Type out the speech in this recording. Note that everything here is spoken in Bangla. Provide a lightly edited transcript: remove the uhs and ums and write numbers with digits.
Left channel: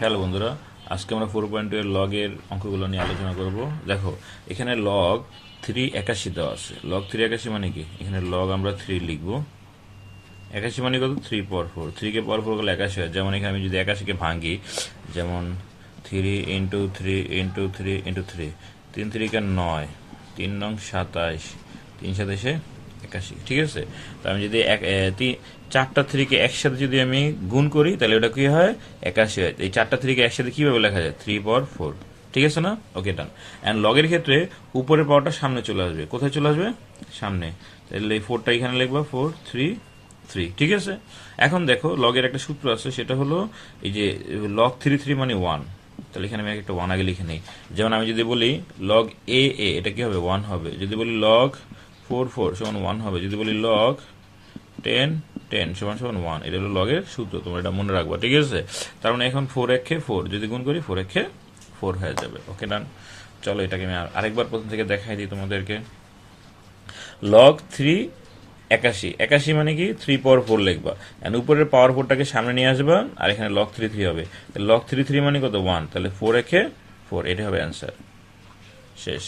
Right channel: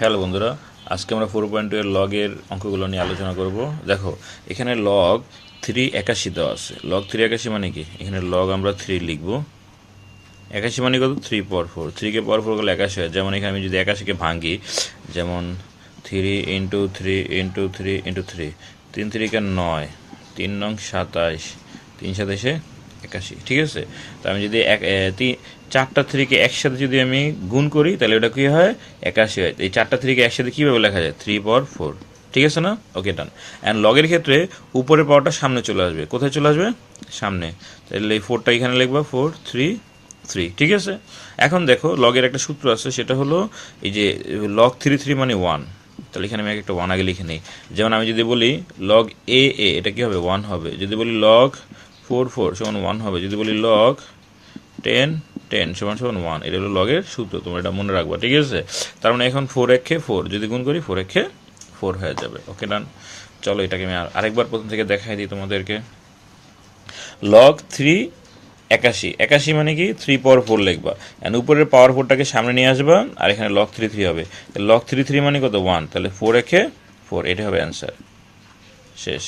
হ্যালো বন্ধুরা, আজকে আমরা 4.2 এর লগের অঙ্কগুলো নিয়ে আলোচনা করব। দেখো, এখানে লগ 381 দেওয়া আছে। লগ 381 মানে কি? এখানে লগ আমরা 3 লিখব। 81 মানে কত? 3 পাওয়ার 4। 3 কে পাওয়ার 4 করলে 81 হয়। যেমন এখানে আমি যদি 81 কে ভাঙি, যেমন 3 ইন্টু 3 ইন্টু 3 ইন্টু 3, 3 3 কে 9, 3 নং 27, 3 27 81, ঠিক আছে? তো আমি যদি চারটা থ্রিকে একসাথে যদি আমি গুণ করি, তাহলে ওটা কি হয়? 81 হয়। এই চারটা থ্রিকে একসাথে কিভাবে লেখা যায়? 3 পাওয়ার 4, ঠিক আছে না? ওকে, ডান। অ্যান্ড লগের ক্ষেত্রে উপরের পাওয়ারটা সামনে চলে আসবে। কোথায় চলে আসবে? সামনে। তাহলে এই 4টা এখানে লিখবা, 4 3 3, ঠিক আছে? এখন দেখো, লগের একটা সূত্র আছে, সেটা হলো এই যে লগ 3 মানে 1। তাহলে এখানে আমি একটা 1 আগে লিখে নিই। যেমন আমি যদি বলি লগ এ, এটা কি হবে? 1 হবে। যদি বলি লগ 4 সমান 1 হবে। যদি বলি লগ 10 সমান সমান 1, এটা হলো লগের সূত্র। তোমরা এটা মনে রাখবা, ঠিক আছে? তার মানে এখন 4 একে 4, যদি গুণ করি 4 একে 4 হয়ে যাবে। ওকে, ডান। চলো এটাকে আমি আরেকবার প্রথম থেকে দেখাই দিই তোমাদেরকে। লগ 381, 81 মানে কি? 3 পাওয়ার 4 লিখবা, অ্যান্ড উপরের পাওয়ার 4টাকে সামনে নিয়ে আসবা, আর এখানে লগ 3 হবে। লগ 3 মানে কত? 1। তাহলে 4 একে 4, এটা হবে অ্যান্সার। শেষ।